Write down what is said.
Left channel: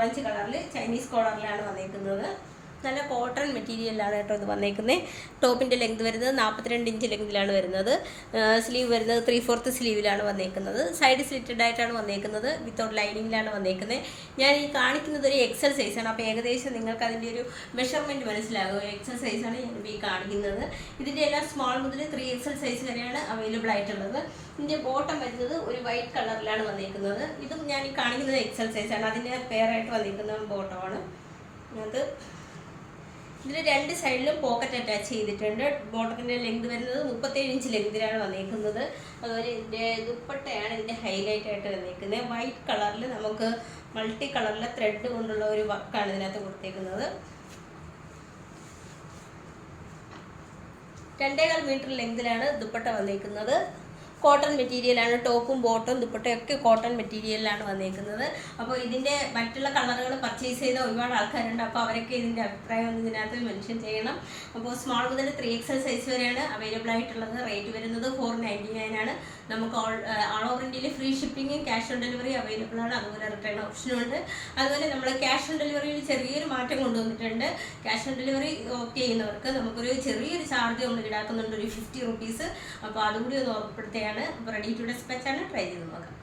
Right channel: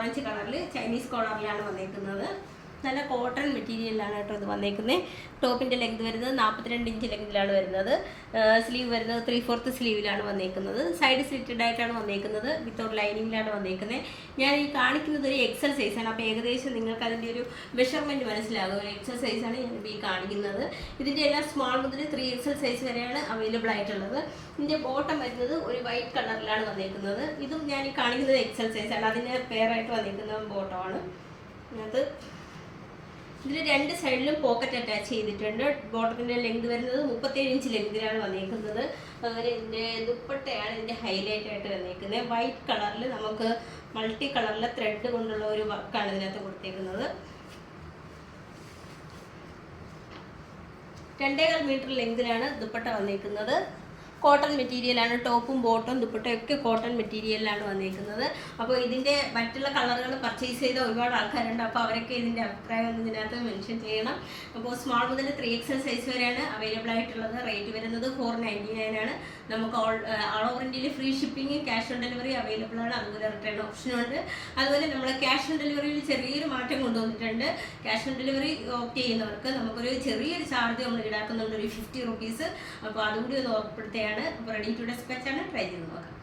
Orange കളറിൽ Chinese കോളറിലാണ് വന്നേക്കുന്നത്. നല്ല കോട്ടൺ മെറ്റീരിയലാണ് കേട്ടോ ഇത് വന്നേക്കുന്നത്. ടോപ്പിൻ്റെ ലെങ്ത് വരുന്നത് 42 ഇഞ്ച് ലെങ്തിലാണ് വരുന്നത്. സ്ലീവ് വരുന്നത് 3/4 സ്ലീവിലാണ് വന്നേക്കുന്നത്. സൈഡ് സ്ലിറ്റഡ് ആയിട്ടാണ് വന്നേക്കുന്നത്. വിത്തൗട്ട് ലൈനിങ്ങിലാണ് വന്നേക്കുന്നത്. ഞാൻ ഈ കാണിക്കുന്നത് ഒരു എക്സൽ സൈസാണ്. അപ്പോൾ ഏകദേശം നിങ്ങൾക്ക് അതിൻ്റെ ഒരു മെഷർമെൻറ്റ് മനസ്സിലാകും. എക്സൽ സൈസാണ് ഞാൻ ഈ കാണിക്കുന്നത്. ഇതിൻ്റെ എല്ലാം സ്മോൾ മുതൽ 3XL സൈസ് വരെയാണ് അവൈലബിൾ ആയിട്ടുള്ളത്. ഇതിൻ്റെ ബോട്ടം വരുന്നത് ഒരു വൈറ്റ് കളറിലാണ് വന്നേക്കുന്നത്. ഇതും ഞാൻ ഈ കാണിക്കുന്നത് എക്സൽ സൈസാണ്. അതിന് പെയറായിട്ട് വന്നിരിക്കുന്ന ബോട്ടമാണ് അത്. ഇതിൽ 2 സൈഡിലും പോക്കറ്റ് അറ്റാച്ച് ചെയ്തിട്ടുണ്ട്. ബോട്ടത്തിൻ്റെ ലെങ്ത് വരുന്നത് 37 ഇഞ്ച് ലെങ്തിലാണ് വന്നേക്കുന്നത്. അതുപോലെ ഇതിൻ്റെ ദുപ്പട്ടയാണ് ഇതിൻ്റെ ഹൈലൈറ്റ് ആയിട്ട് വന്നേക്കുന്നത്. വൈറ്റ് കളറിൽ നമുക്ക് മൾട്ടി കളറിലെ ത്രെഡ് കൊണ്ടുള്ള ഒരു വർക്കാണ് ഇതിനകത്ത് കൊടുത്തേക്കുന്നത്. 2.25 മീറ്റർ ലെങ്തിലാണ് ദുപ്പട്ട വന്നേക്കുന്നത്. കോട്ടൺ മെറ്റീരിയലാണ്. ടോപ്പും ബോട്ടും ദുപ്പട്ടയൊക്കെ കോട്ടൺ മെറ്റീരിയലിലാണ് വന്നേക്കുന്നത്. അപ്പോൾ ഇതിൻ്റെ മറ്റുള്ള കളറുകൾ പർച്ചേസ് ചെയ്ത ഒരുപാട് ആൾക്കാരുണ്ട്. അപ്പോൾ അവരൊക്കെ ഇതിൻ്റെ അഭിപ്രായം ഒന്ന് ഇതിനകത്ത് മെൻഷൻ ചെയ്യണം. അപ്പോൾ സ്മോൾ മുതൽ 3XL സൈസ് വരെയാണ് അവൈലബിൾ ആയിട്ടുള്ളത്. റേറ്റ് വരുന്നത് 499 ആണ്. നമുക്ക് ഓൾ ഓവർ ഇന്ത്യയിൽ free shipping, cash on delivery available ആണ്. അതുപോലെ റിട്ടേൺ ഓപ്ഷനുണ്ട്. അതുപോലെ നമ്മൾ ക്യാഷ് ഓൺ ഡെലിവറിയിൽ ചെറിയൊരു മാറ്റം കൊണ്ടുവന്നിട്ടുണ്ട്. ക്യാഷ് ഓൺ ഡെലിവറി ഓപ്റ്റ് ചെയ്യുന്നവർക്ക് നമുക്കൊരു ചെറിയൊരു ചാർജ് നമ്മൾ ഈടാക്കുന്നുണ്ട്, ഒരു 50 റുപ്പീസ്. അപ്പോൾ അതുകൂടി ഒന്ന് ഓർപ്പെടുത്തുകയാണ്. അപ്പോൾ റെഡി ടു ഡെസ്പാച്ച് ആണ്. ട്രൈ ചെയ്ത് നോക്കാം.